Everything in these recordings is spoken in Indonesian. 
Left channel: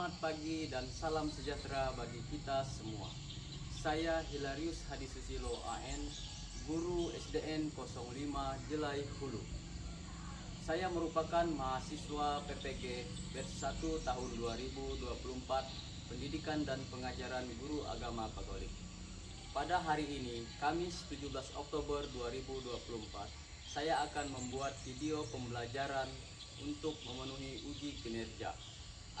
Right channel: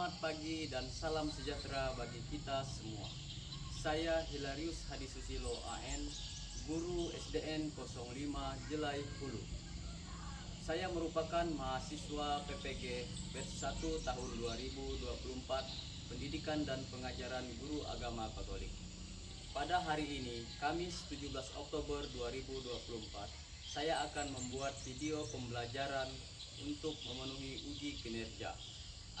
Selamat pagi dan salam sejahtera bagi kita semua. Saya Hilarius Hadi Susilo AN, Guru SDN 05 Jelai Hulu. Saya merupakan mahasiswa PPG Batch 1 tahun 2024 Pendidikan dan Pengajaran Guru Agama Katolik. Pada hari ini, Kamis 17 Oktober 2024, saya akan membuat video pembelajaran untuk memenuhi uji kinerja.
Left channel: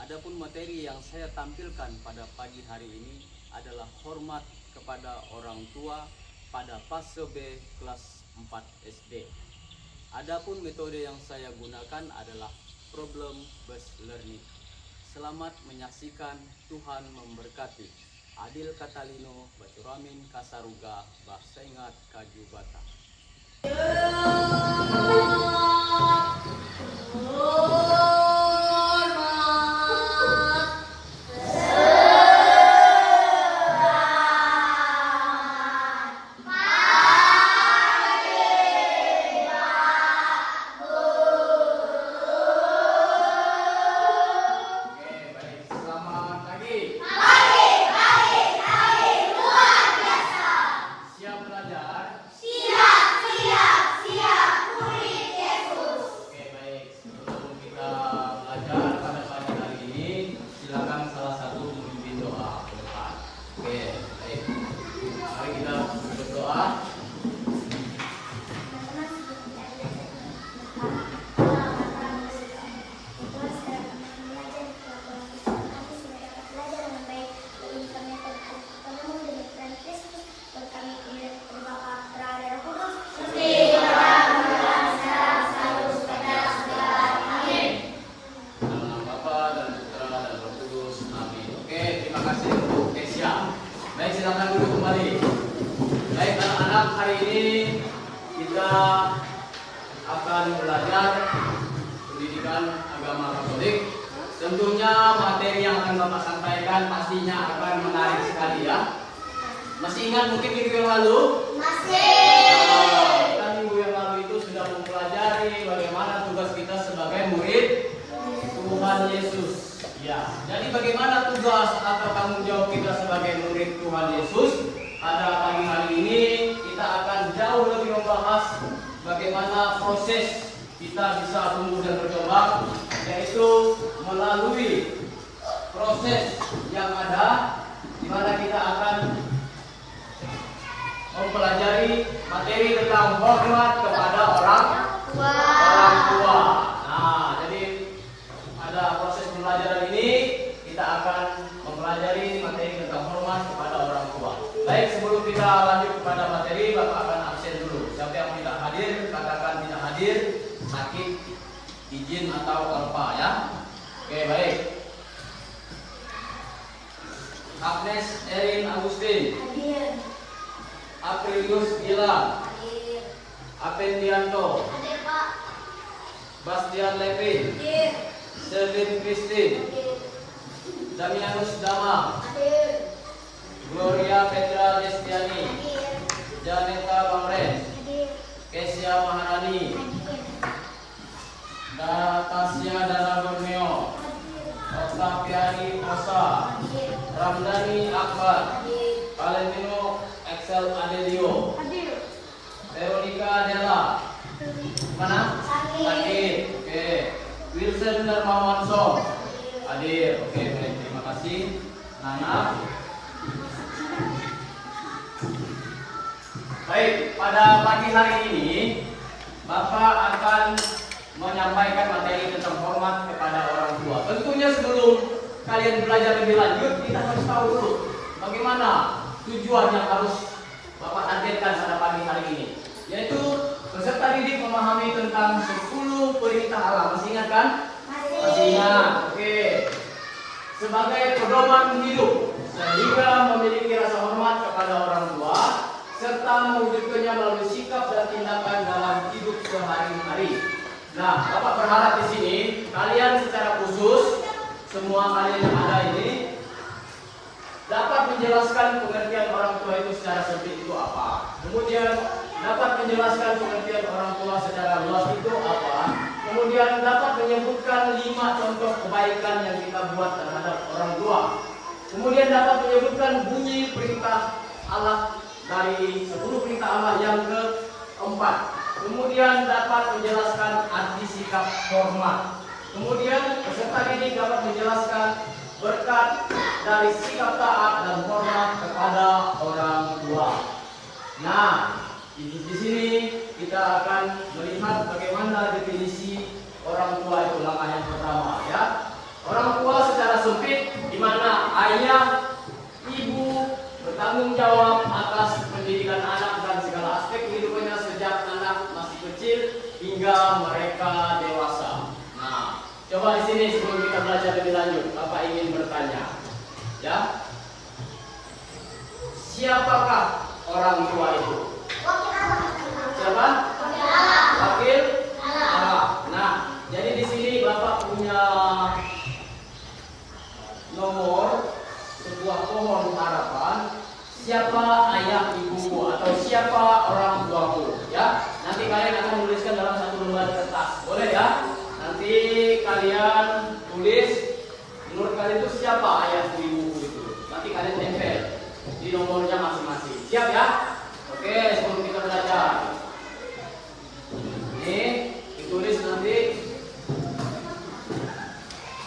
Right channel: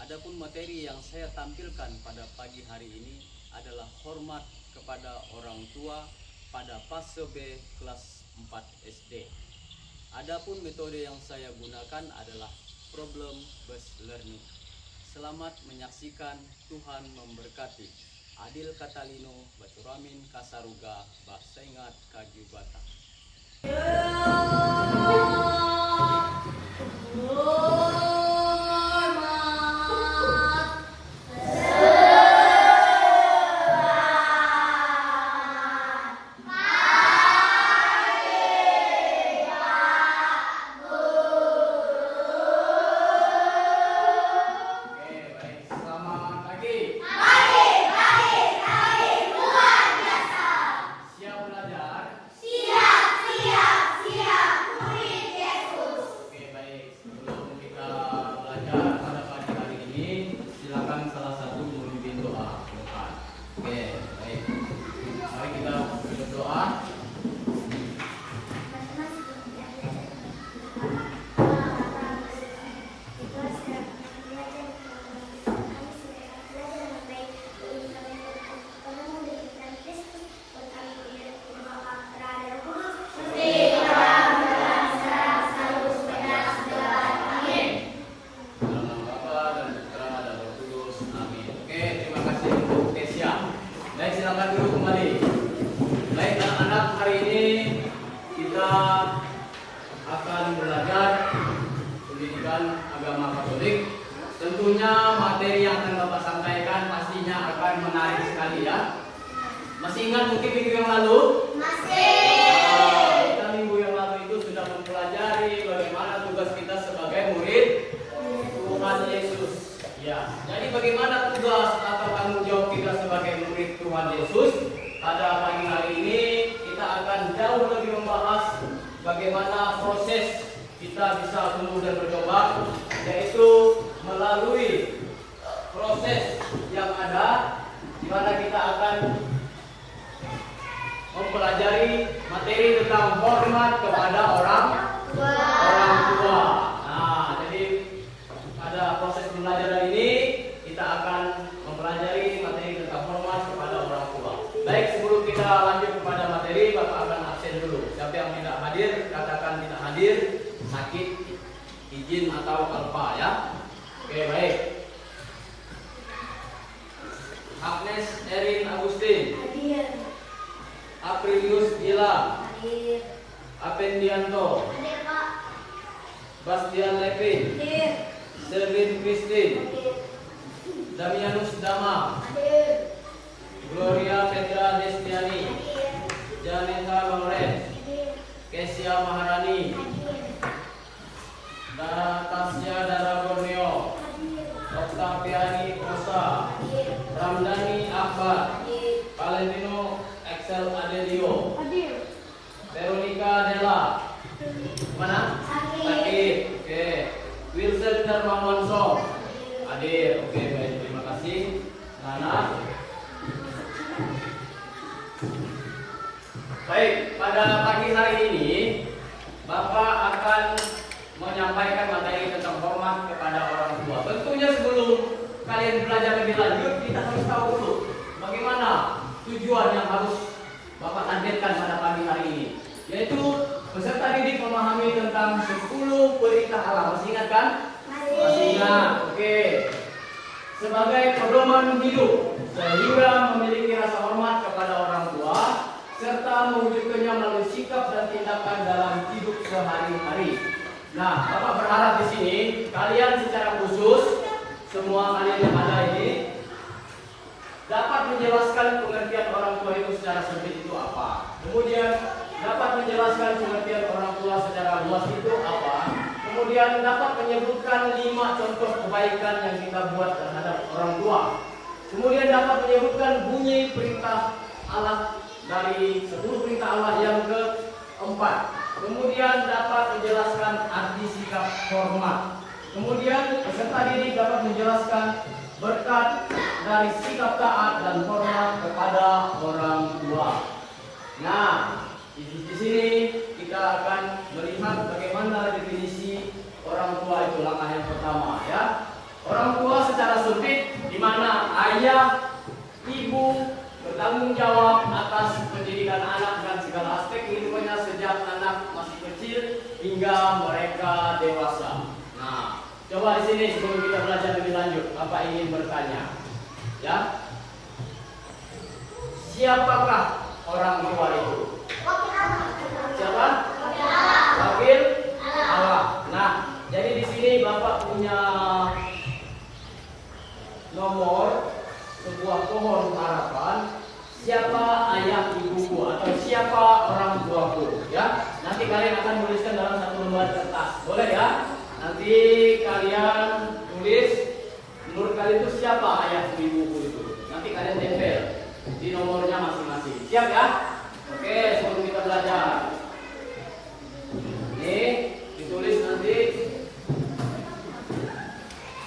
Adapun materi yang saya tampilkan pada pagi hari ini adalah hormat kepada orang tua pada fase B kelas 4 SD. Adapun metode yang saya gunakan adalah problem based learning. Selamat menyaksikan, Tuhan memberkati. Adil Katalino, Baturamin Kasaruga, Basengat Kajubata. Belajar pendidikan agama Katolik. Tentunya materi yang akan Bapak sampaikan pastinya akan menarik sekali ya. Masih ingat mungkin minggu yang lalu? Masih. Kita minggu yang lalu itu sudah mempelajari bagaimana tugas kita sebagai murid Tuhan Yesus. Ya. Jadi bagaimana tugas atau tanggung jawab kita sebagai murid Tuhan Yesus? Pada pagi hari ini kita akan jauh lebih membahas bagaimana proses kita bisa tumbuh dan berkembang, yaitu melalui proses yang ada di mana kita akan mempelajari materi tentang hormat kepada orang tua. Nah, jadi ada proses pembelajaran ini kita akan mempelajari materi tentang hormat kepada orang tua. Baik, sebelum kita lanjut kepada materi, Bapak akan absen dulu. Siapa yang tidak hadir, katakan tidak hadir, sakit, izin atau lupa ya. Oke, baik. Agnes Erin Agustin. Hadir. Aprilius Gilang. Hadir. Apendianto. Hadir, Pak. Bastian Levin. Hadir. Selvin Christine. Hadir. Damianus Dama. Hadir. Gloria Petra Destiani. Hadir. Janeka Longren. Hadir. Kesia Maharani. Natasya Dana Borneo. Octaviani Osa. Ramdhani Akbar. Valentino Excel Adelio. Veronica Della. Mana? Hadir. Oke. Wilson Darmawan Song. Hadir. Oke, baik. Terima kasih. Nana. Baik, pada pagi hari ini Bapak akan menyampaikan materi tentang hormat kepada orang tua. Tentunya sebelum kalian belajar lebih lanjut, kita harus tahu dulu bagaimana tujuan yang harus Bapak hadirkan pada pagi hari ini, yaitu peserta didik memahami tentang 10 perintah Allah. Masih ingat kan? Masih ingat. Oke. Sebagai pedoman hidup, sehingga memiliki rasa hormat kepada orang tua serta mewujudkannya melalui sikap dan tindakan dalam hidup sehari-hari. Nah, Bapak berharap di sini kalian secara khusus, semua kalian yang ada ini dapat menjelaskan pengertian orang tua itu secara sempit itu apa. Kemudian dapat menjelaskan pengertian orang tua secara luas itu apa. Kemudian dapat menyebutkan 5 contoh kebaikan yang kita buat terhadap orang tua. Kemudian dapat menyebutkan bunyi perintah Allah dari 10 perintah Allah yang keempat. Kemudian dapat menjelaskan arti sikap hormat. Kemudian peserta didik dapat menjelaskan berkat dari sikap taat dan hormat kepada orang tua. Nah, di sini kita akan melihat bagaimana definisi orang tua itu. Langkah yang pertama, ya. Orang tua secara sempit, di mana ayah, ibu bertanggung jawab atas pendidikan anak dan segala aspek kehidupannya sejak anak masih kecil hingga mereka dewasa. Nah, coba di sini sebelum kita belajar lebih lanjut, Bapak ingin bertanya, ya, siapakah orang tua itu? Siapa? Wakil Allah. Nah, jadi di sini Bapak punya nomor sebuah pohon harapan. Siapa ayah ibuku atau siapa orang tuaku, ya? Nanti kalian akan menuliskan dalam satu lembar kertas, boleh ya? Nanti kalian tulis menurut kalian itu siapa ayah ibuku itu. Nanti kalian tempel di nomornya masing-masing. Siap ya? Oke, sebelum kita belajar. Ini ditulis nanti.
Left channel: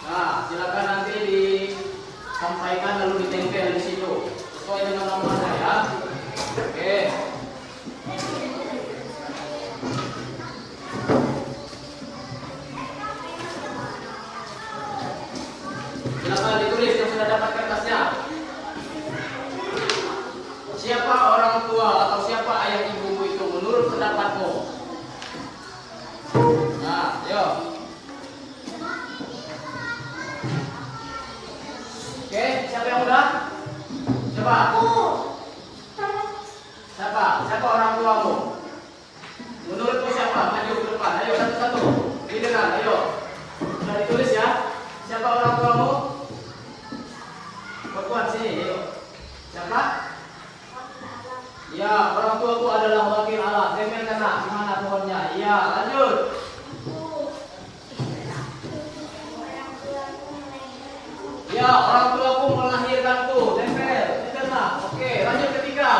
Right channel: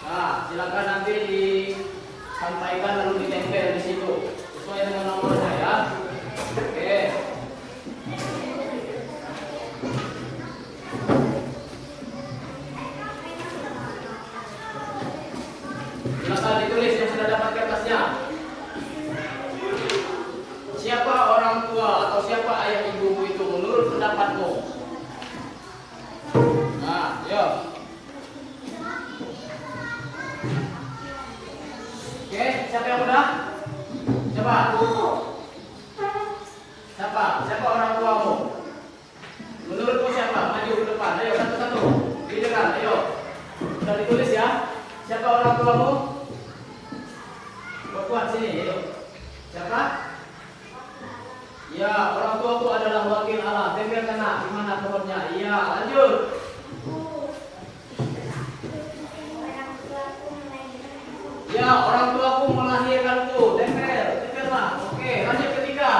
Nah, silakan nanti disampaikan lalu ditempel di situ sesuai dengan nomornya ya. Oke. Silakan ditulis yang sudah dapat kertasnya. Siapa orang tua atau siapa ayah ibumu itu menurut pendapatmu? Nah, yuk. Oke, siapa yang udah? Coba. Siapa orang tuamu? Menurutmu siapa? Maju ke depan. Ayo satu-satu. Didengar, ayo. Sudah ditulis ya. Siapa orang tuamu? Berkuat sini, ayo. Siapa? Ya, orang tuaku adalah wakil Allah. Tempel kena, gimana pohonnya? Iya, lanjut. Ya, orang tuaku melahirkanku. Tempel, tempel. Oke, lanjut ketiga.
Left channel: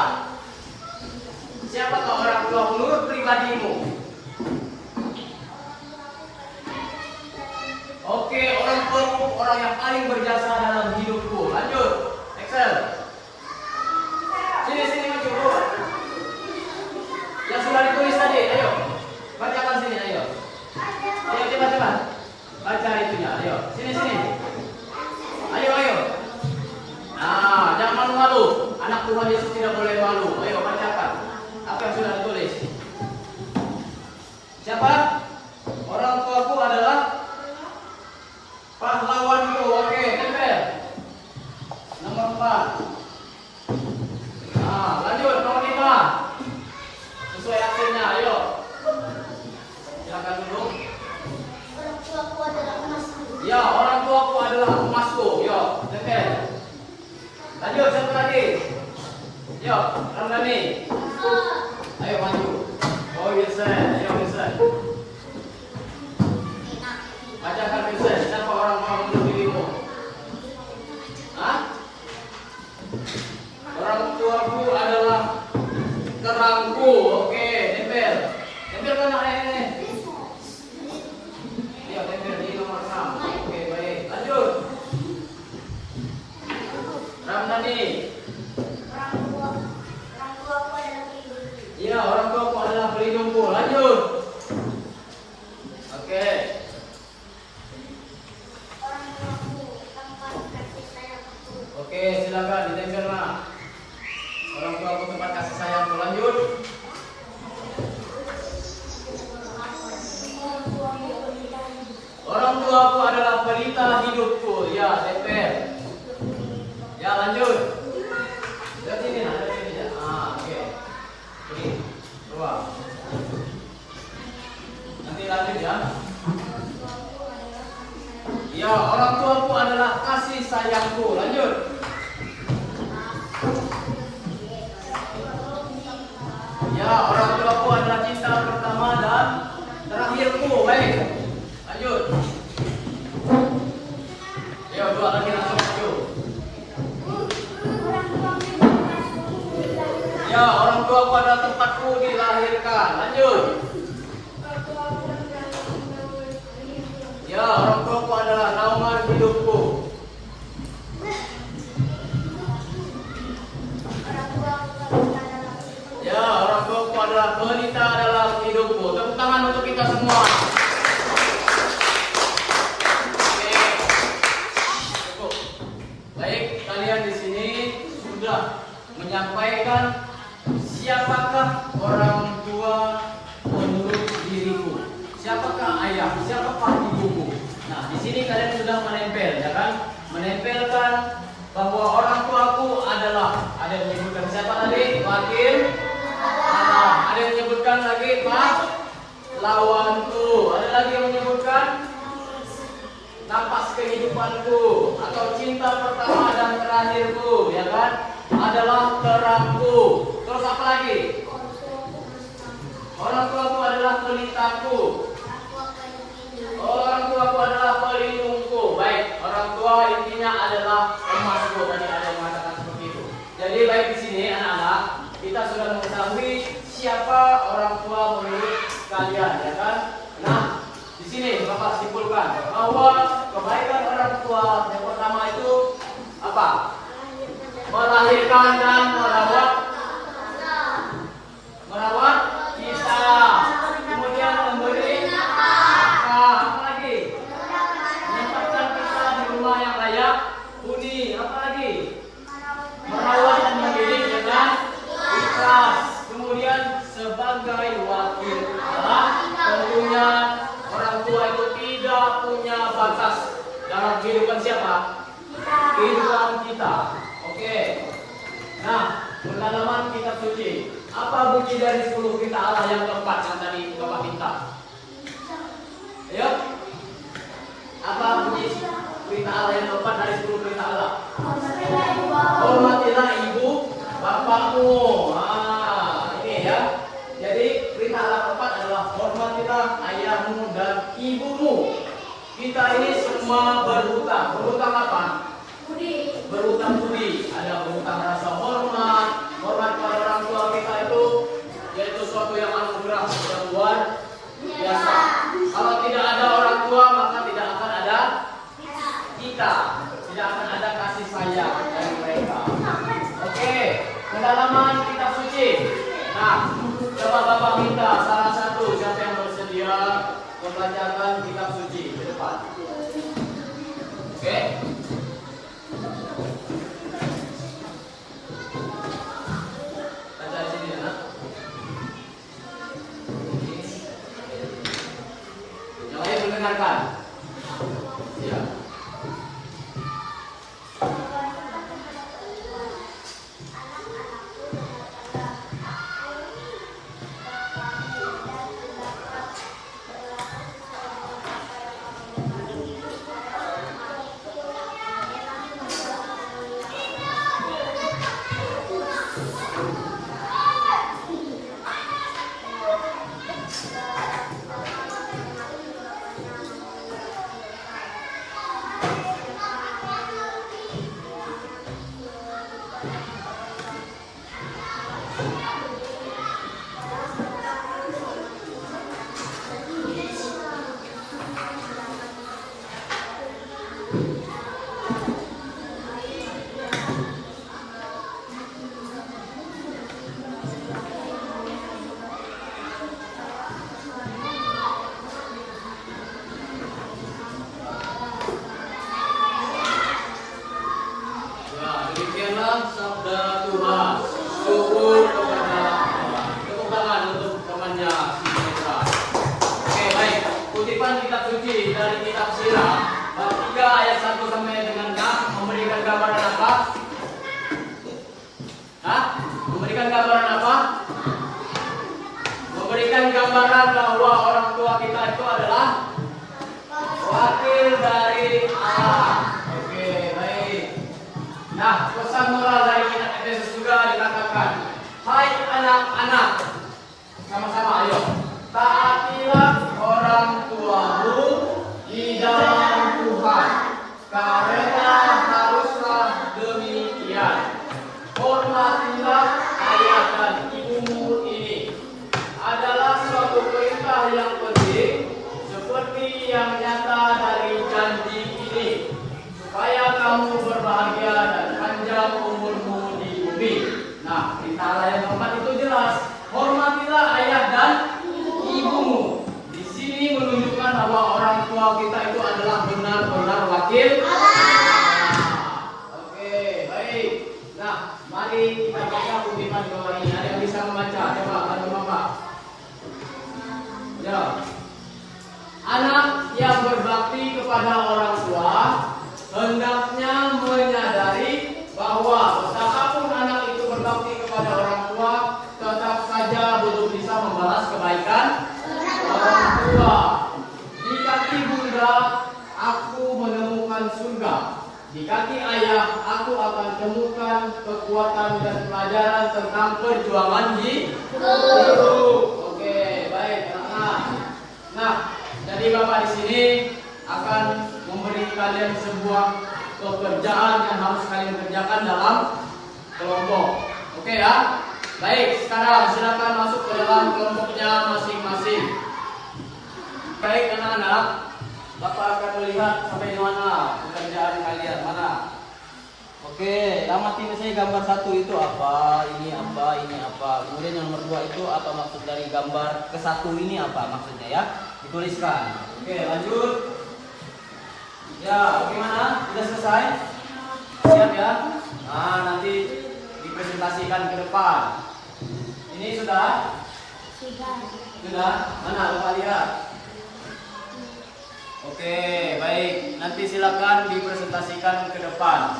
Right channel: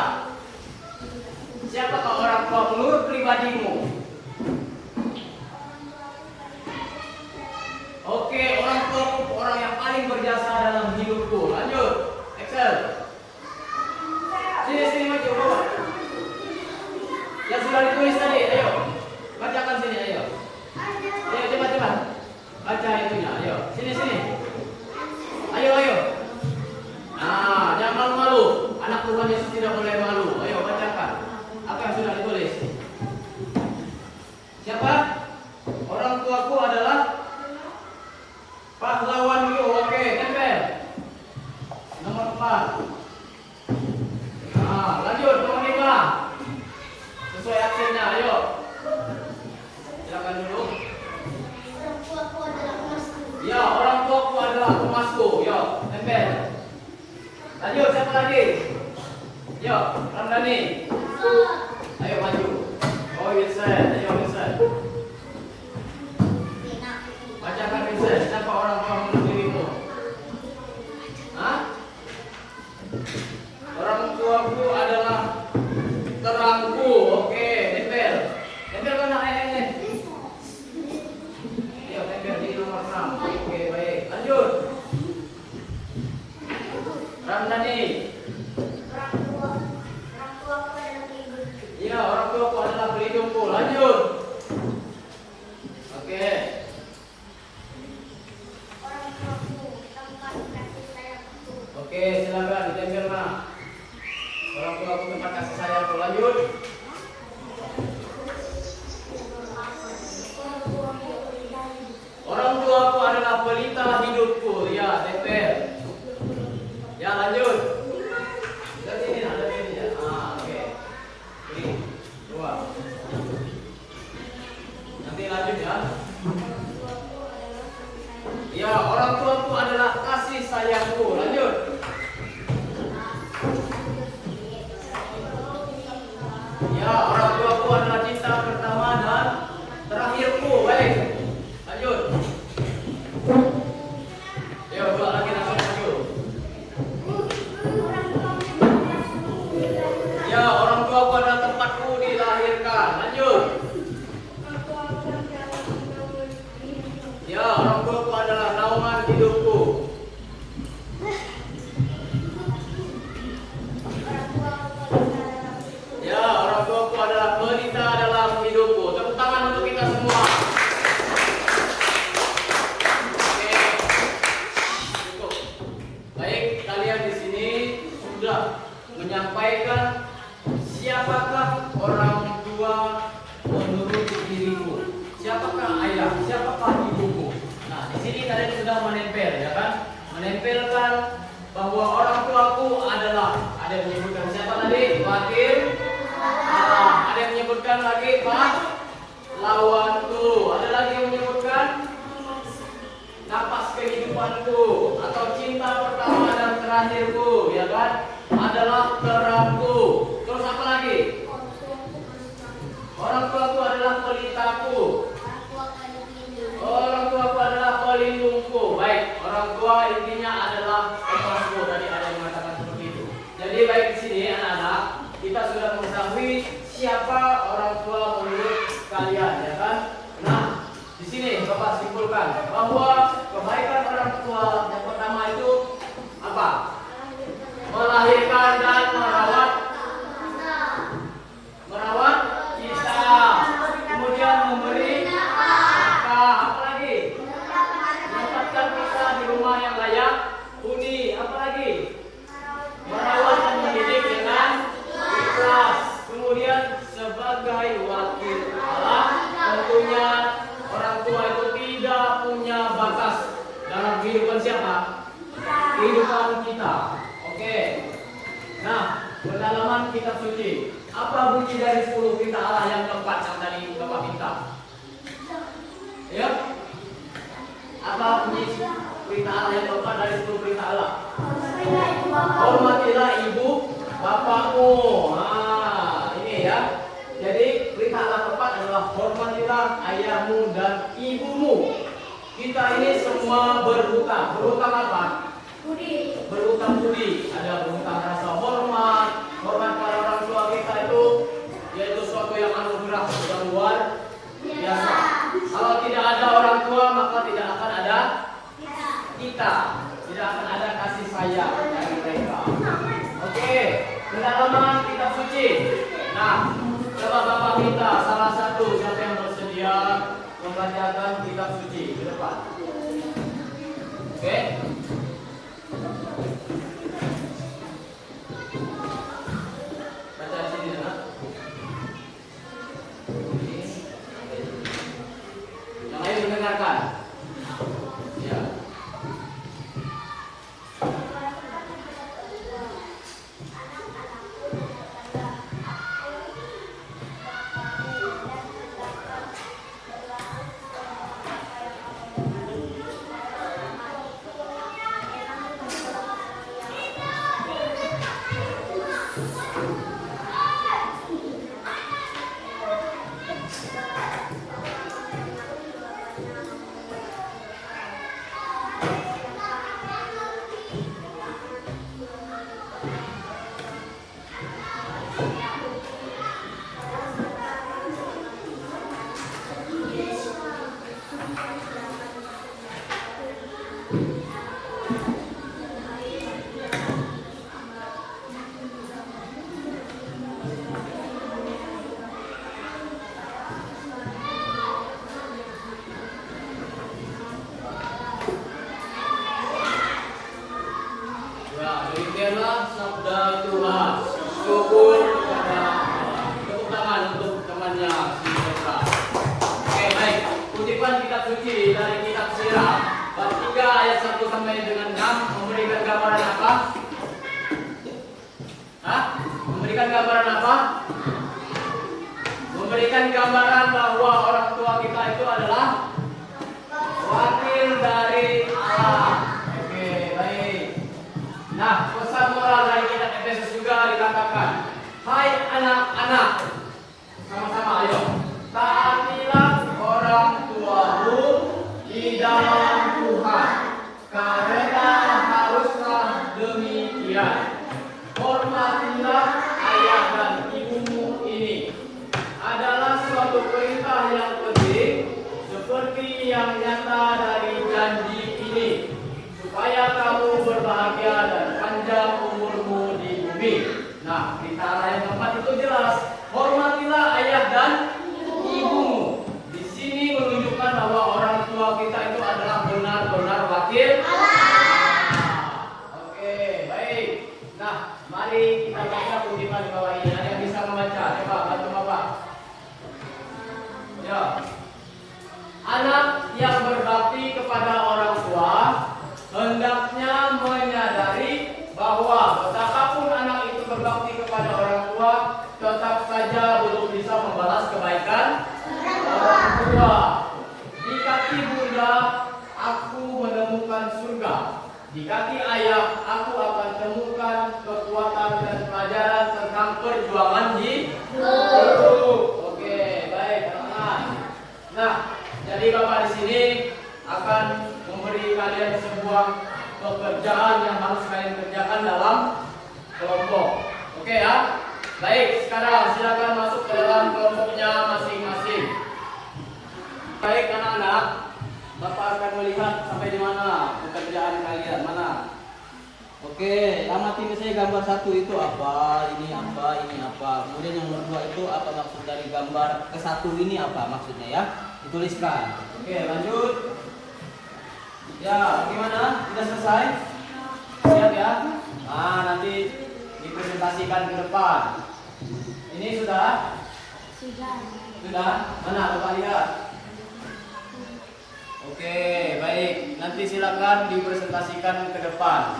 Siapakah orang tua menurut pribadimu? Oke, orang tuaku orang yang paling berjasa dalam hidupku. Lanjut, Excel. Sini maju bawah. Yang sudah ditulis tadi, ayo. Bacakan sini, ayo. Ayo coba. Baca itunya, ayo. Sini. Ayo. Nah, jangan malu. Anak Tuhan Yesus tidak boleh malu. Ayo bacakan. Apa yang sudah ditulis? Siapa? Orang tuaku adalah pahlawanku. Oke, tempel. Nomor 4. Nah, lanjut nomor 5. Sesuai aksennya, ayo. Silakan dulu. Orang tuaku adalah emasku. Ya, orang tuaku adalah emasku. Yo, tempel. Lanjut, siapa lagi? Yo, Ramdhani. Ayo maju. Oh, Wilson. Ayo, Wilson. Bacakan Wilson. Siapa orang tua menurut dirimu? Hah? Orang tuaku adalah terangku. Oke, tempel. Tempel mana ini? Ayo, tempel di nomor 6. Oke, baik. Lanjut. Ramdhani. Orang tuaku adalah pelindung. Iya, orang tuaku adalah pelindungku. Lanjut. Oke. Orang tuaku tempat kasih sayangku. Oke, silakan ditempel mana? Orang tuaku tempat kasih sayangku. Lanjut. Orang tuaku adalah pelita hidupku. Ya, tempel. Ya, lanjut. Lihat sini, ada sini ya. Oke. Ini, dua. Nanti lanjut ya. Ya, orang tuaku adalah kasih sayangku. Lanjut. Ya, orang tuaku adalah cinta pertama dan terakhirku. Baik. pendalaman hidupku. Ya, orang tuaku adalah pelita dalam hidupku. Tepuk tangan untuk kita semua. Oke, cukup. Baik, kalian di sini sudah menyampaikan siapakah orang tua menurut diriku. Siapakah ayah? Siapakah ibumu? Nah, di sini kalian sudah menempel, ya kan? Menempelkan bahwa orang tuaku adalah, ada yang menyebutkan siapa tadi? Wakil. Ada yang menyebutkan lagi lawanku. Ada lagi yang menyebutkan napas kehidupanku atau cinta pertama dan terakhirku, ya kan? Adalah terangku. Terus apa lagi? Orang tuaku adalah pelitaku. Orang tuaku adalah pelindungku. Baik, orang tua intinya adalah emasku. Tadi ada yang mengatakan seperti itu. Jadi baik di sini anak-anak, kita sudah mengetahui siapa orang tua menurut kalian, ya kan? Nah, di sini Bapak simpulkan bahwa kebaikan orang tua yang pertama itu apa? Melahirkan dan merawat kita, kemudian memberi nafkah, apa lagi? Menempatkan kita di rumah yang layak huni, apa lagi? Merawat dan mendidik dengan ikhlas. Kemudian sebagai wakil Allah, tentunya orang tua itu tidak punya batas dalam kehidupan siapa? Kehidupan kita. Oke. Nah, pendalaman kitab suci. Apa bunyi dari 10 perintah Allah yang keempat yang tadi Bapak minta? Ya. Apa bunyi perintah Allah yang keempat dari 10 perintah Allah? Hormatilah ibu bapakmu. Nah, ini ya. Jadi perintah Allah keempat adalah hormatilah ayahmu dan ibumu. Kita ini semua berhutang. Berhutang apa? Berhutang budi. Ada berhutang rasa hormat kepada orang tua kita itu, yaitu suatu yang anugerah yang luar biasa. Kalau tidak ada orang tua, maka tidak akan ada kita, tidak akan ada kasih sayang dari mereka. Oke, pendalaman kitab suci. Nah, coba Bapak minta salah satu siapa yang bersedia membacakan kitab suci ke depan. Oke. Baca sini ya. Yang lain mendengarkan. Ya. Demikianlah sabda Tuhan. Syukur kepada Allah. Tepuk tangan untuk temannya si Petra. Oke, baik. Kutipan kitab suci dari kitab Sirah bab 3 ayat 1 sampai dengan 6 memberikan gambaran apa? Memberikan gambaran apa? Memberikan gambaran bahwa orang tua kita itu adalah wakil dari Allah. Oke, baik. Nah, pesan moral dari kitab Efesus juga dikatakan, hai anak-anak, sama-sama ayo, taatilah orang tuamu di dalam Tuhan, karena haruslah demikian. Hormatilah ayah dan ibumu. Ini adalah suatu perintah yang penting, seperti yang nyata dari janji ini. wakil Oke, baik. Nah, mari kita baca kutipan di bawah ini. Ada yang bisa membaca? Coba bantu Bapak. Ya. Anak yang berbakti kepada orang tua hendaknya menyadari bahwa betapapun anak itu berbakti kepada orang tua, tetap saja belum bisa membalas kebaikan orang tua. Di kaki bunda, aku menemukan surga. Di kaki ayah, aku akan temukan kekuatan dan pelajaran tentang perjuangan hidup. Oke, baik anak-anak. Nah, jadi Bapak di sini akan memberi kalian sebuah pekerjaan yang harus kalian kerjakan dalam kelompok. Oke ya? Baik, sekarang silakan masuk ke dalam kelompoknya masing-masing. Baik anak-anak, Bapak akan melihat sampai di mana pekerjaan kalian, mana? Oke, amati saya gambar 1 itu apa, ini apa, ini apa. Kemudian yang nomor 2 itu apa maksud dari gambar ke-1 ini apa maksudnya ya? Dituliskan. Oke, lanjut. Ya, bagaimana? Sudah selesai? Siap ya? Nah, nanti dipresentasikan ke depan. Ini sudah? Sudah? Mana Bapak lihat? Oke, baik. Nanti silakan dipresentasikan ke depan.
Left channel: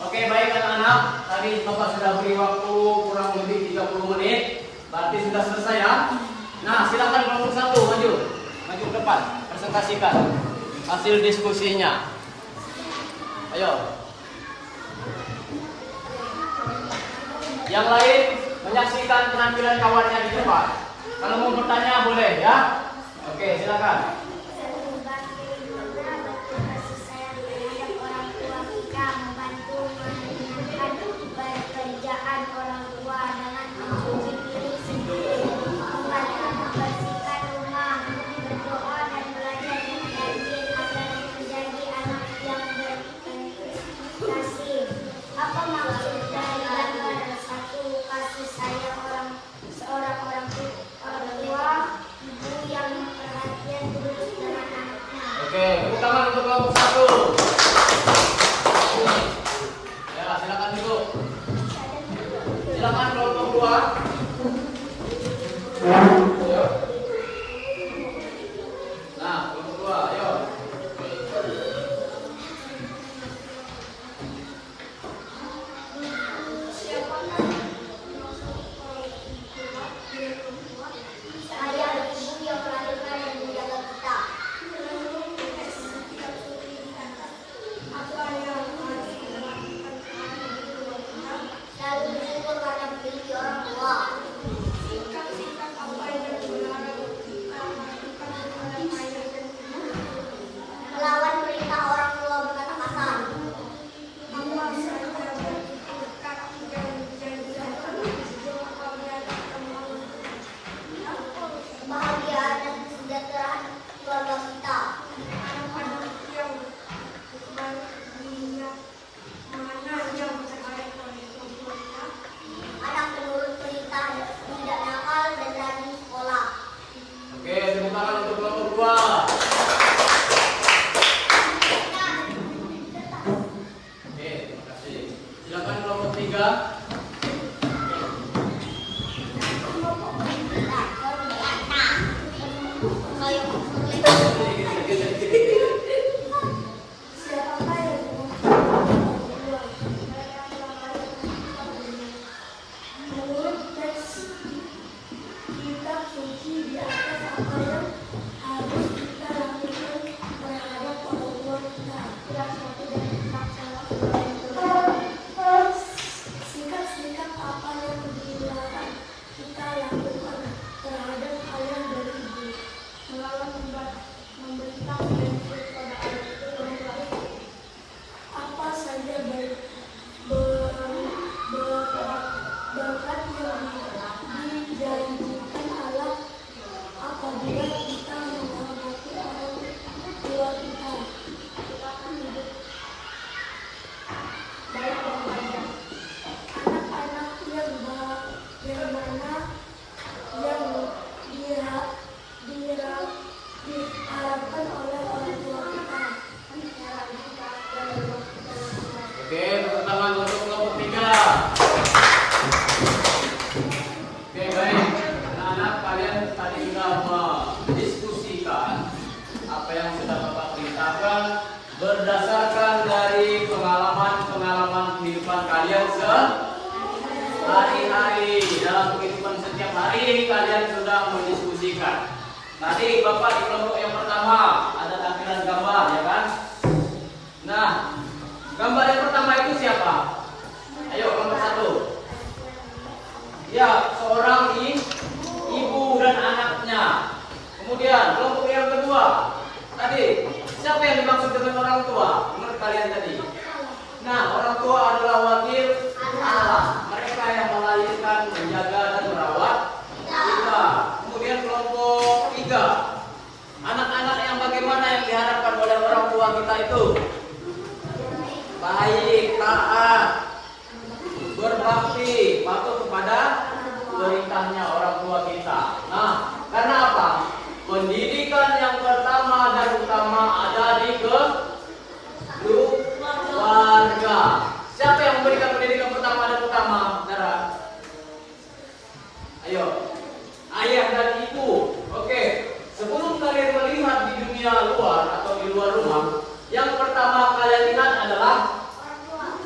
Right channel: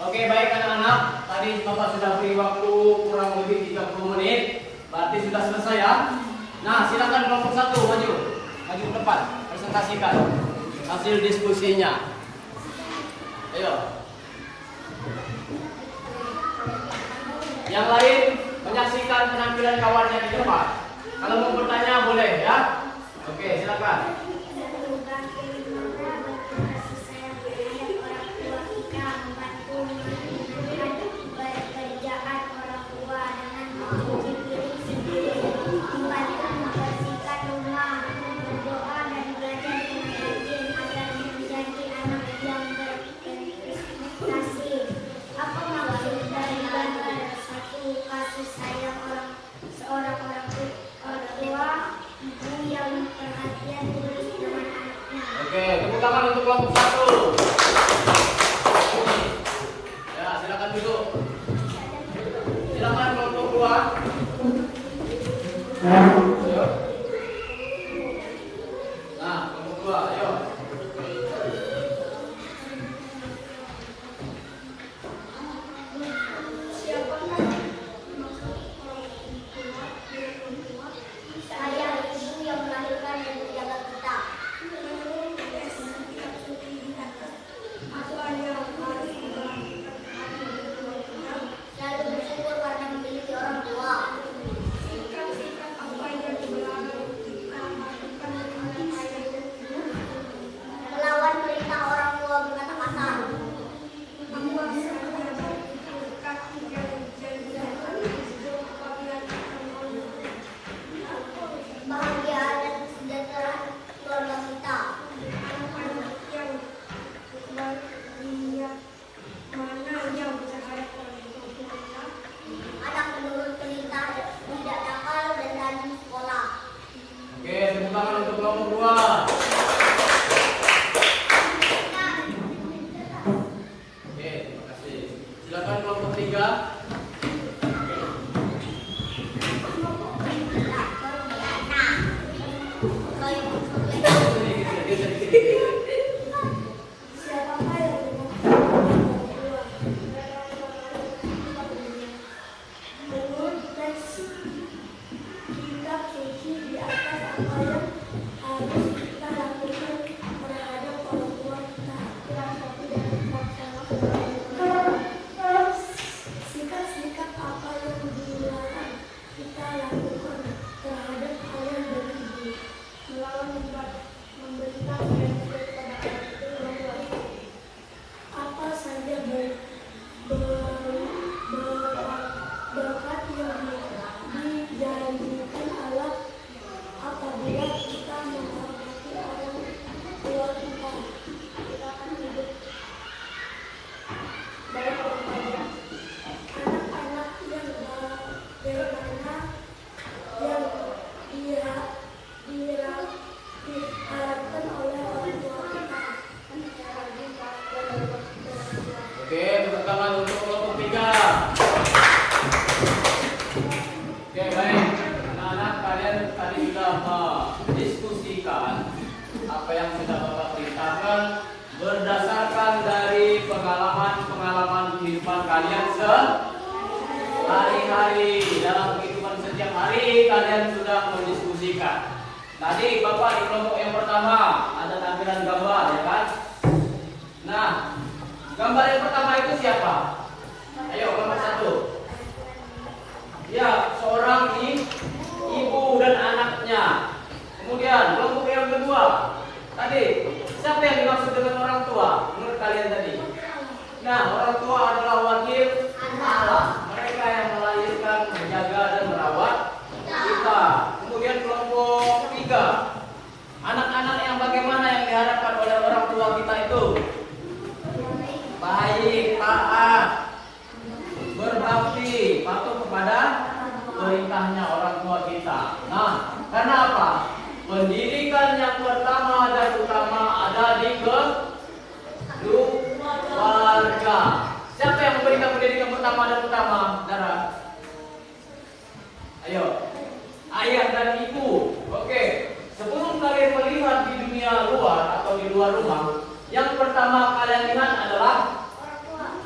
Oke, baik anak-anak. Tadi Bapak sudah beri waktu kurang lebih 30 menit. Berarti sudah selesai ya? Nah, silakan kelompok 1 maju. Maju ke depan, presentasikan hasil diskusinya. Ayo. Yang lain menyaksikan penampilan kawannya di depan. Kalau mau bertanya boleh ya. Oke, silakan. Oke, tepuk tangan untuk kelompok 1. Ya, silakan duduk. Silakan kelompok 2. Ya. Nah, kelompok 2, ayo. Saya ibu yang melahirkan dan menjaga kita. Selalu bersyukur karena memiliki orang tua. Melawan perintah orang tua berkata kasar. Bahagia dan kesejahteraan keluarga kita. Anak menurut perintah tidak nakal dan rajin sekolah. Oke, tepuk tangan untuk kelompok 2. Oke, terima kasih. Silakan kelompok 3. Menurut teks kitab suci di atas apa yang harus kita lakukan terhadap orang tua kita. Sikap-sikap apa yang dilarang kita lakukan terhadap ayah dan ibu. Melawan membentak dan kepada orang tua. Apa saja berkat yang dijanjikan Allah apabila kita menghormati orang tua kita. Baik kepada anak-anak yang bagaimana yang diharapkan oleh orang tua kita. yang sudah Bapak perintahkan berdasarkan dari pengalaman-pengalaman kehidupan kalian sehari-hari. Dalam kehidupan setiap hari kalian sudah mendiskusikan. Tadi Bapak di kelompok yang pertama ada tampilan gambar, ya kan? Nah, gambar yang pertama itu siapa? Ayo, kelompok 1. Ya, seorang ibu dan anaknya. Kemudian kelompok yang kedua, tadi siapa yang dimaksud dengan orang tua menurut kalian tadi? Nah, orang tua adalah wakil Allah. Mereka yang melahirkan, menjaga dan merawat kita. Kemudian kelompok 3, anak-anak yang bagaimana yang diharapkan oleh orang tua kita itu? Baik, taat, berbakti, patuh kepada perintahnya orang tua kita. Nah, karena apa? Pendidikan yang pertama dan utama ada di keluarga. Siapa yang memberikan pendidikan pertama dan utama? Dara. Ayo. Ayah dan ibu. Oke. Sebelum kalian melihat di dunia luar atau di luar rumah, yang pertama kalian lihat adalah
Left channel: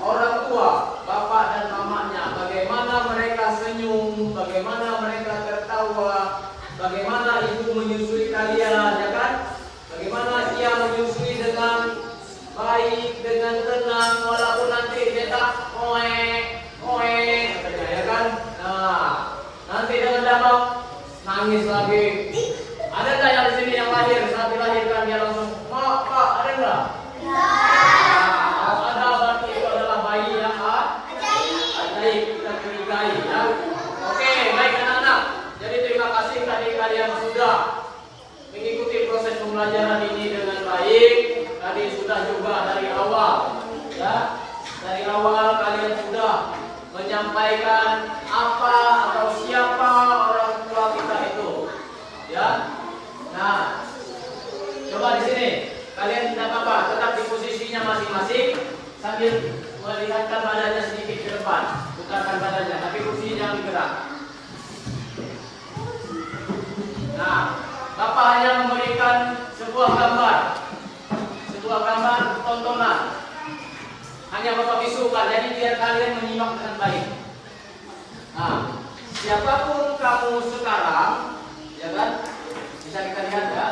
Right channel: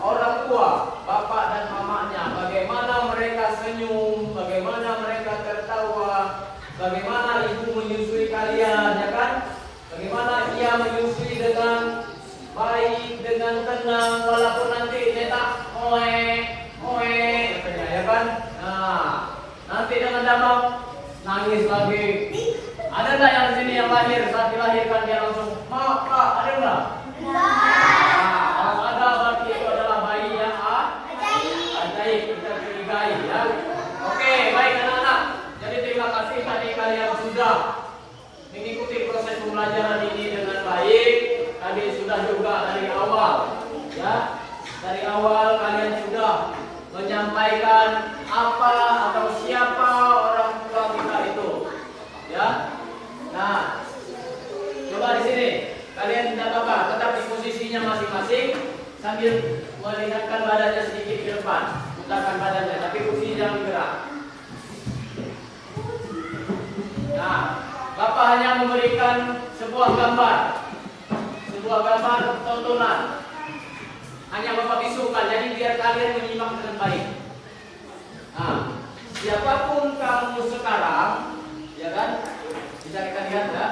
orang tua, bapak dan mamanya. Bagaimana mereka senyum, bagaimana mereka tertawa, bagaimana ibu menyusui kalian, ya kan? Bagaimana dia menyusui dengan baik, dengan tenang, walaupun nanti dia tak katanya, ya kan? Nah, nanti dengan dalam nangis lagi. Ada nggak yang di sini yang lahir saat dilahirkan dia langsung ma, Pak, ada nggak? Kalau ada, berarti itu adalah bayi yang ajaib, kita curigai, ya. Oke, baik anak-anak. Jadi terima kasih tadi kalian sudah mengikuti proses pembelajaran ini dengan baik. Tadi sudah juga dari awal, ya. Dari awal kalian sudah menyampaikan apa atau siapa orang tua kita itu, ya. Nah, coba di sini kalian tidak apa-apa, tetap di posisinya masing-masing sambil melihatkan badannya sedikit ke depan, putarkan badannya, tapi kursinya jangan bergerak. Nah, Bapak hanya memberikan sebuah gambar tontonan. Hanya Bapak visukan, jadi biar kalian menyimak dengan baik. Nah, siapapun kamu sekarang, ya kan? Bisa kita lihat ya.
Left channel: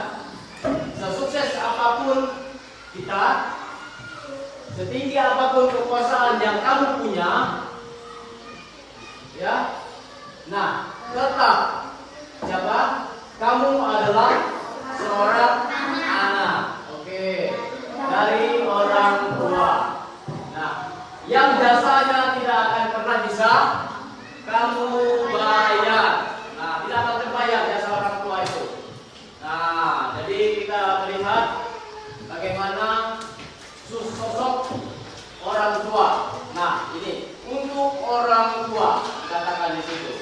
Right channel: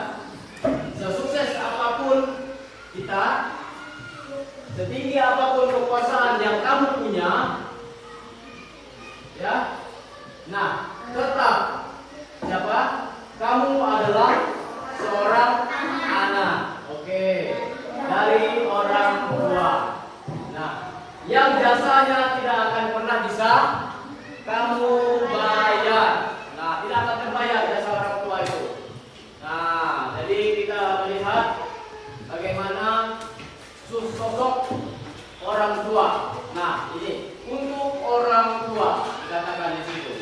Sesukses apapun kita, setinggi apapun kekuasaan yang kamu punya, ya. Nah, tetap siapa? Kamu adalah seorang anak, oke, dari orang tua. Nah, yang jasanya tidak akan pernah bisa kamu bayar. Nah, tidak akan terbayar jasa orang tua itu. Nah, jadi kita melihat bagaimana sosok orang tua. Nah, ini untuk orang tua dikatakan di situ.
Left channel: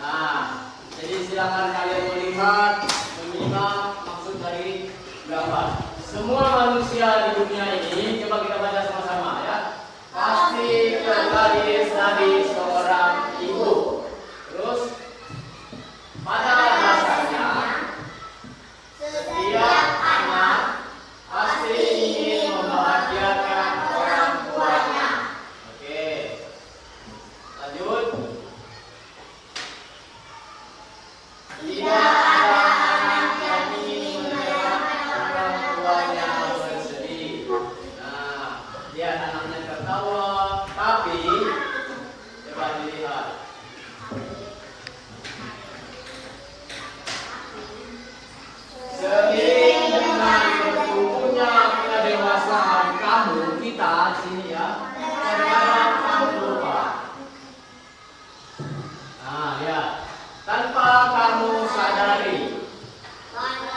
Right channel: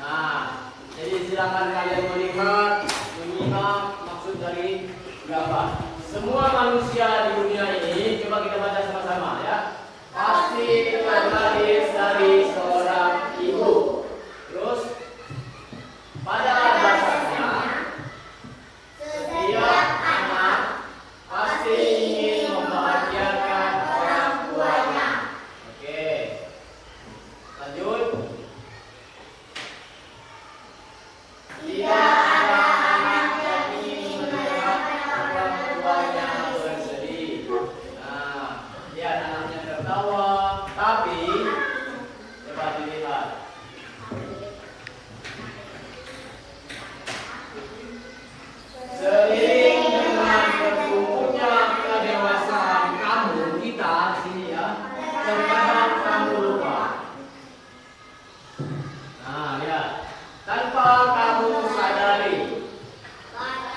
Nah, jadi silakan kalian melihat, menyimak maksud dari gambar. Semua manusia di dunia ini, coba kita baca sama-sama ya. Pasti terlahir dari seorang ibu. Terus pada dasarnya setiap anak pasti ingin membahagiakan orang tuanya. Oke, lanjut. Tidak ada anak yang ingin melihat orang tuanya bersedih. Nah, dia anaknya tertawa, tapi coba dilihat. Seiring dengan bertumbuhnya kedewasaan kamu, kita sini ya, terkadang kamu lupa. Nah ya, tanpa kamu sadari,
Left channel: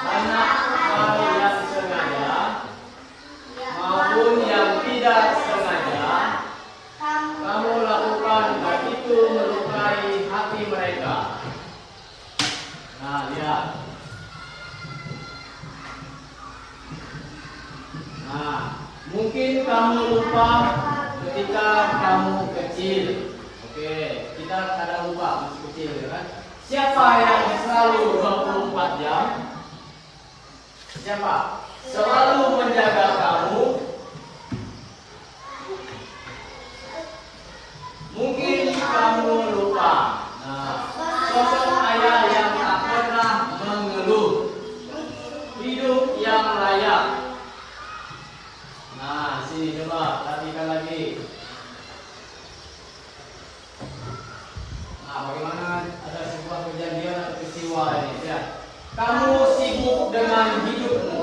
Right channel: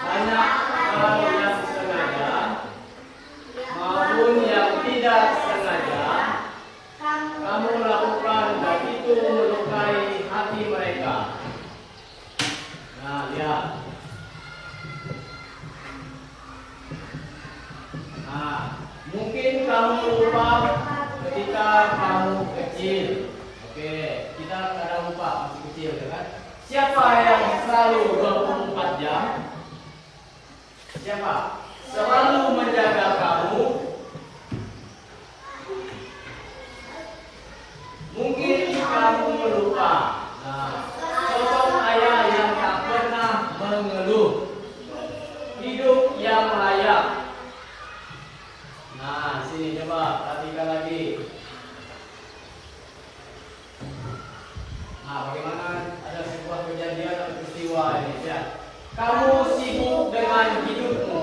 banyak hal yang sengaja maupun yang tidak sengaja kamu lakukan dan itu melukai hati mereka. Nah lihat. Nah, mungkin kamu lupa ketika kamu kecil. Oke, kita kadang lupa masih kecil, ya kan? Siapa yang selalu 24 jam? Siapa? selalu menjaga kamu. Mungkin kamu lupa. Nah, sosok ayah yang tak pernah mengeluh, hidup yang layak. Nah, sini coba perhatikan lagi. Nah, bagaimana ada sebuah kejadian atau peristiwa ini ya. Kamu sibuk dengan hidupmu.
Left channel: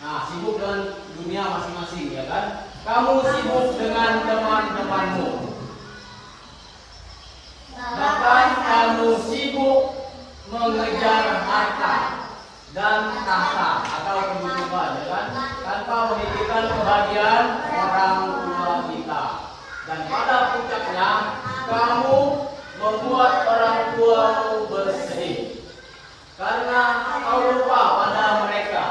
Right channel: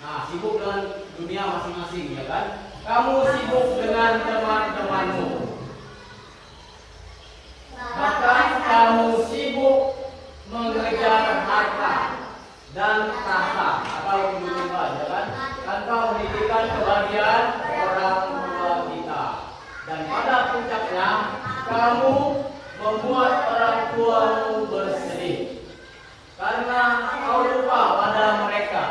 Nah, sibuk dengan dunia masing-masing ya kan. Kamu sibuk dengan teman-temanmu. Bahkan kamu sibuk mengejar harta dan tahta atau kedudukan ya kan. Tanpa memikirkan kebahagiaan orang tua kita. Dan pada puncaknya kamu membuat orang tuamu bersedih karena kau lupa pada mereka.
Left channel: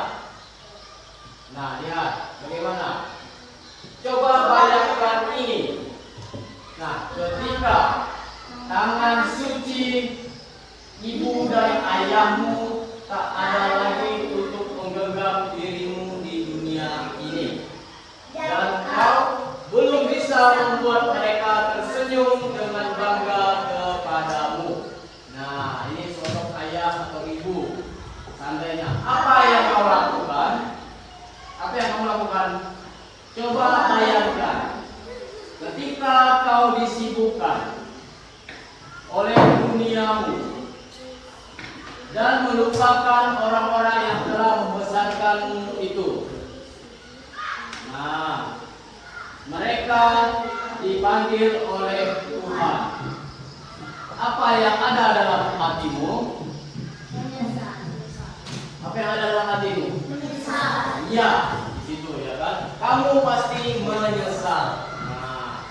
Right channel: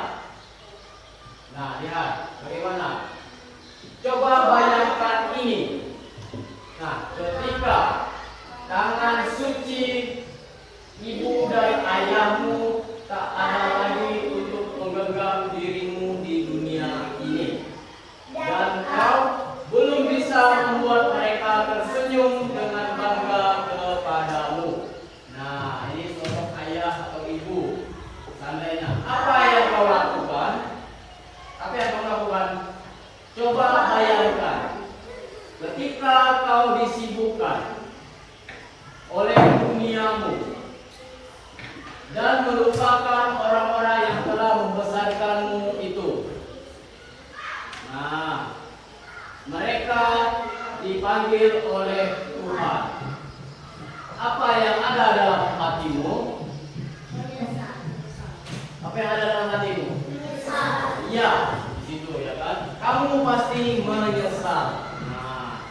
Nah, lihat bagaimana. Coba bayangkan ini. Nah, ketika tangan suci ibu dan ayahmu tak ada lagi untuk menggenggam dirimu di dunia ini, dan kau belum bisa membuat mereka tersenyum dengan bangga kepadamu. Nah, ini sosok ayah atau ibu. Seandainya apa yang kau lakukan? Apa yang kamu lakukan? Coba bayangkan ketika kau disibukkan oleh duniamu dan melupakan orang-orang yang telah membesarkanmu itu. Nah, mereka dipanggil oleh Tuhan. Apa yang ada dalam hatimu? Apa yang ada dalam hatimu? Ya, situ ya kan. Kamu pasti menyesal. Nah,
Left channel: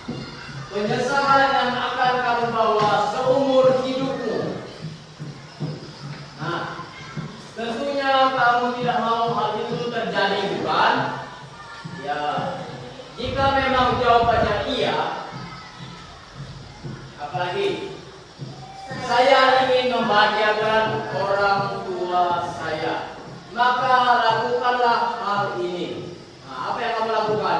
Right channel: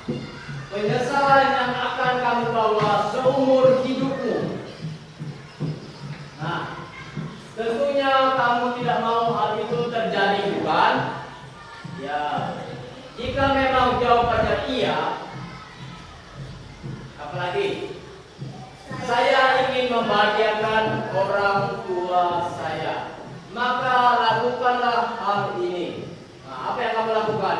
penyesalan yang akan kamu bawa seumur hidupmu. Nah, tentunya kamu tidak mau hal itu terjadi, bukan? Ya, jika memang jawabannya iya, apalagi saya ingin membahagiakan orang tua saya, maka lakukanlah hal ini. Nah, apa yang kamu lakukan?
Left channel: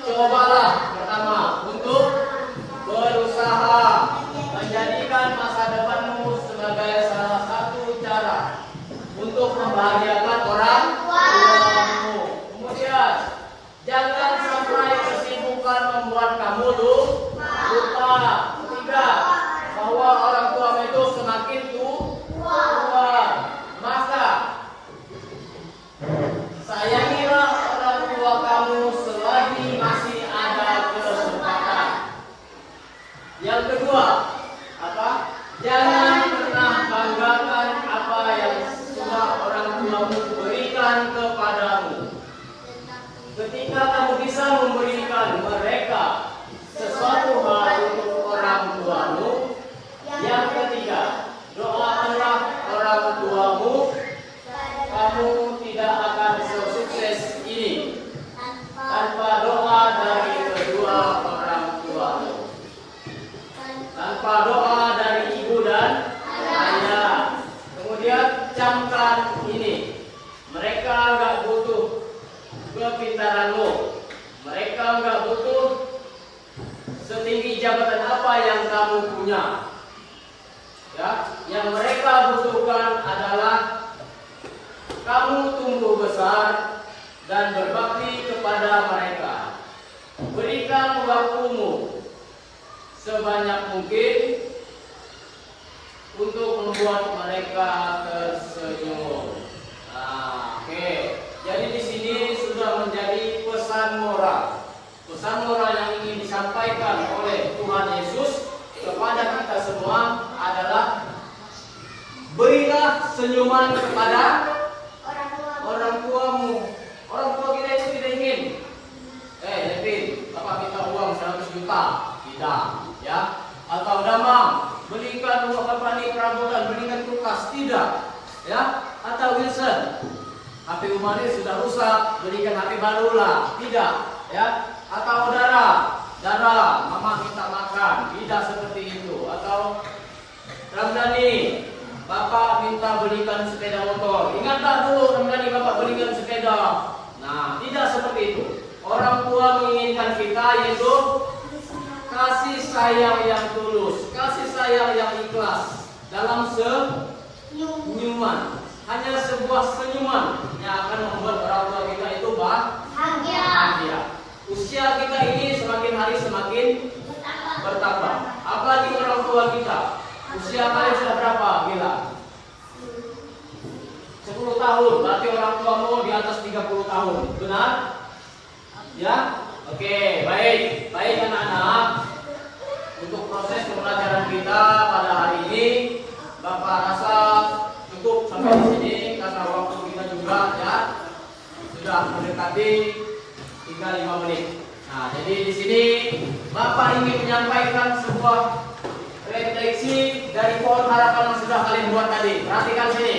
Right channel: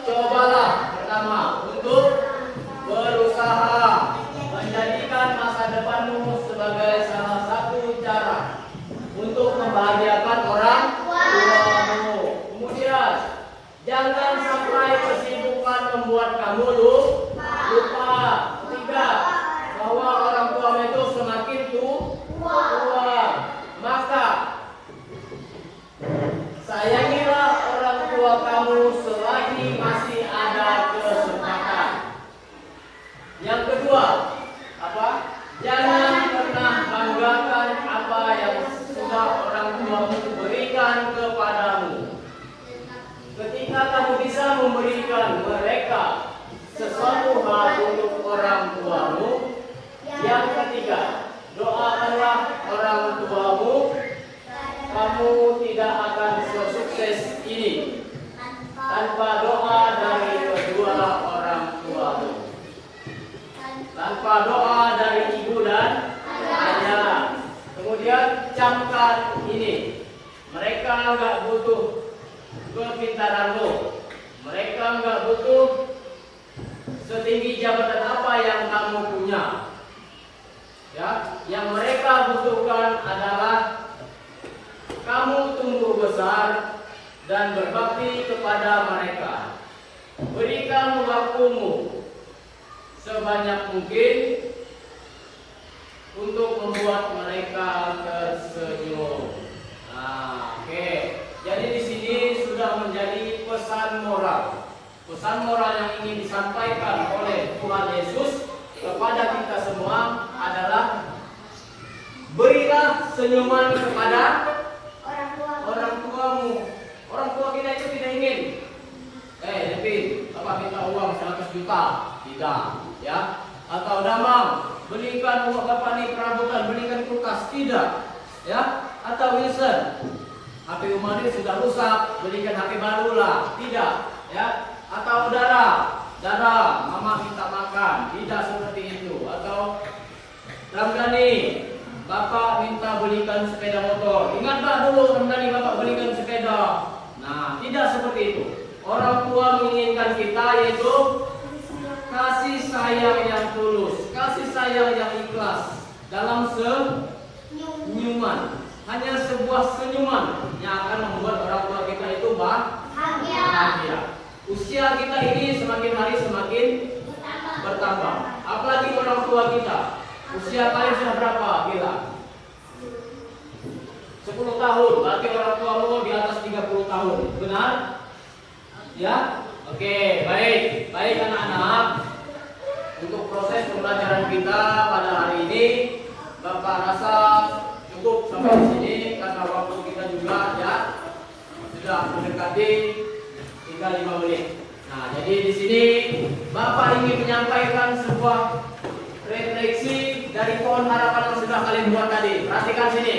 Cobalah pertama untuk berusaha menjadikan masa depanmu sebagai salah satu cara untuk membahagiakan orang tuamu. Kemudian, jangan sampai kesibukan membuat kamu lupa. Tidak, bahwa orang tuamu itu semakin tua. Maka sayangilah orang tua kamu selagi masih ada kesempatan. Yang kedua, apa? Jangan pernah banggakan apa yang sudah orang tuamu berikan kepadamu. Ketika kamu bisa memberikan mereka sesuatu hal untuk orang tuamu. Yang ketiga, doakanlah orang tuamu. Kamu tidak akan sukses ini tanpa doa dari kedua orang tuamu. Tanpa doa dari ibu dan ayah. Kemudian camkan ini. Mereka enggak butuh kepintaranmu. Mereka enggak butuh setinggi jabatan apa yang kamu punya. Ya, yang mereka butuhkan adalah kamu tumbuh besar dan berbakti kepada mereka. Berikan waktumu sebanyak mungkin untuk membuat mereka tersenyum. Nah, oke. Jadi di sini sudah menjadi pesan moral. Pesan moral yang ingin disampaikan oleh Tuhan Yesus kepada kita semua adalah berilah senyuman kepada orang tuamu. Orang tua kita itu tidak ingin Devin, Bapak minta uang 100 juta. Tidak, ya. Atau Damang, belikan uang Bapak nih perabotan, belikan kulkas. Tidak, ya. Atau Wilson, HP Umari sudah rusak, belikan HP baru lah. Tidak, ya. Atau Dara, Mama minta makan. Tidak seperti itu. Atau Ramdhani, Bapak minta belikan sepeda motor. Ingat tak dulu tadi Bapak belikan sepeda? Nah, tidak seperti itu. Orang tua menginginkan kita yaitu kasih sayang yang tulus, kasih sayang yang ikhlas dalam senyuman. Hanya sebuah senyuman yang akan membuat orang tua kita itu bahagia. Usia kita ini semakin hari semakin bertambah. Apalagi orang tua kita. Usia kalian sudah berapa? Gila. 10 tahun. Berarti orang tuamu di atas 30 tahun. Benar? Ya? Oke, baik. Baik anak-anak. Untuk proses pembelajaran kita pada hari ini, Bapak rasa cukup sampai di sini karena waktu kita juga ya sudah mendekati tinggal 5 menit. Nah, jadi di sini Bapak ingin menyampaikan sebuah refleksi dari pohon harapan yang sudah kalian buat tadi. Perhatikan sini.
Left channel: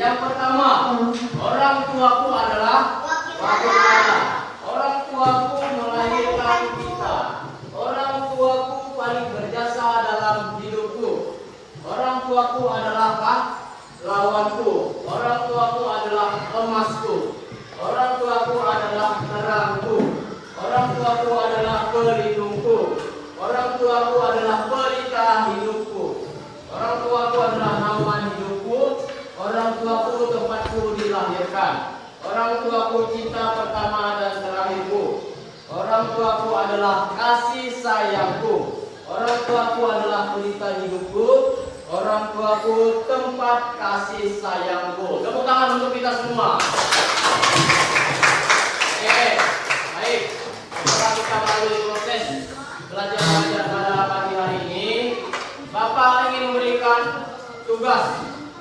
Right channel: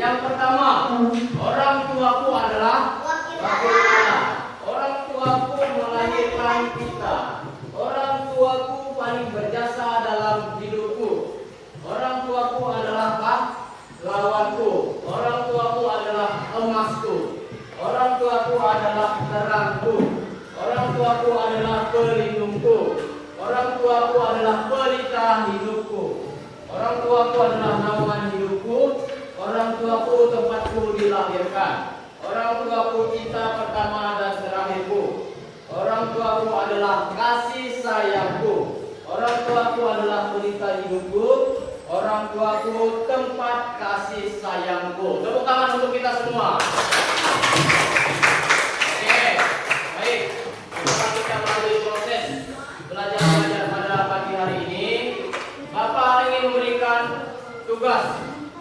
Yang pertama, orang tuaku adalah wakil anak. Orang tuaku melahirkan kita. Orang tuaku paling berjasa dalam hidupku. Orang tuaku adalah lawanku. Orang tuaku adalah emasku. Orang tuaku adalah terangku. Orang tuaku adalah pelindungku. Orang tuaku adalah pelita hidupku. Orang tuaku adalah naungan hidupku. Orang tuaku tempatku dilahirkan. Orang tuaku cinta pertama dan terakhirku. Orang tuaku adalah kasih sayangku. Orang tuaku adalah pelita hidupku. Orang tuaku tempat kasih sayangku. Tepuk tangan untuk kita semua. Oke, baik. Setelah kita melalui proses belajar pada pagi hari ini, Bapak ingin memberikan tugas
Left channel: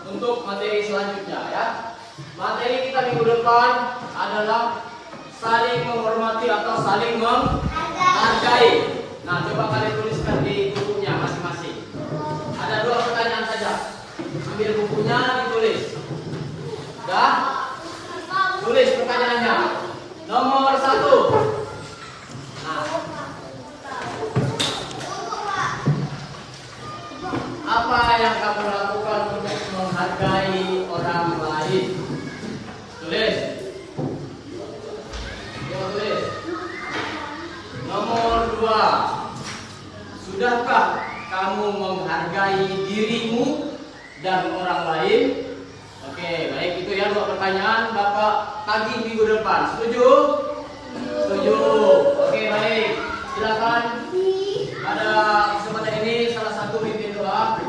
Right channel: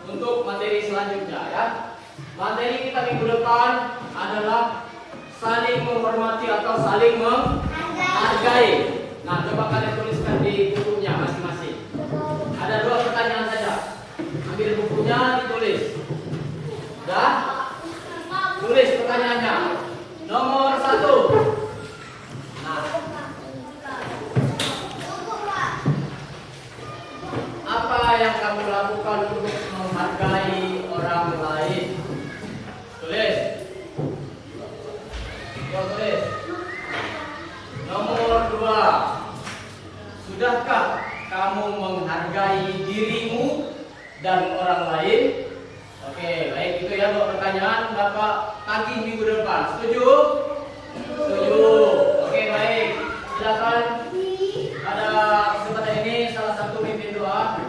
untuk materi selanjutnya ya. Materi kita minggu depan adalah saling menghormati atau saling menghargai. Nah, coba kalian tuliskan di bukunya masing-masing. Ada 2 pertanyaan saja. Ambil bukunya, ditulis. Dah? Tulis pertanyaannya. Nomor 1. Apa yang kamu lakukan untuk menghargai orang lain? Tulis. Tulis. Nomor 2. Sudahkah kamu menghargai dirimu dan orang lain? Oke, baik, itu ya 2 pertanyaan Bapak tagih minggu depan. Setuju? Setuju. Oke, baik. Silakan. Ada kesempatan ini salah satu pimpin doa.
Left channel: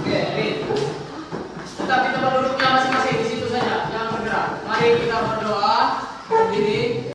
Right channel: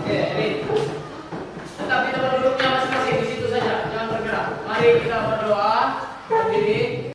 Oke, ini. Tetapi tempat duduknya masing-masing di situ saja, jangan bergerak. Mari kita berdoa. Berdiri.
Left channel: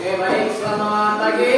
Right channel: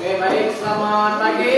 Oke, baik, selamat pagi.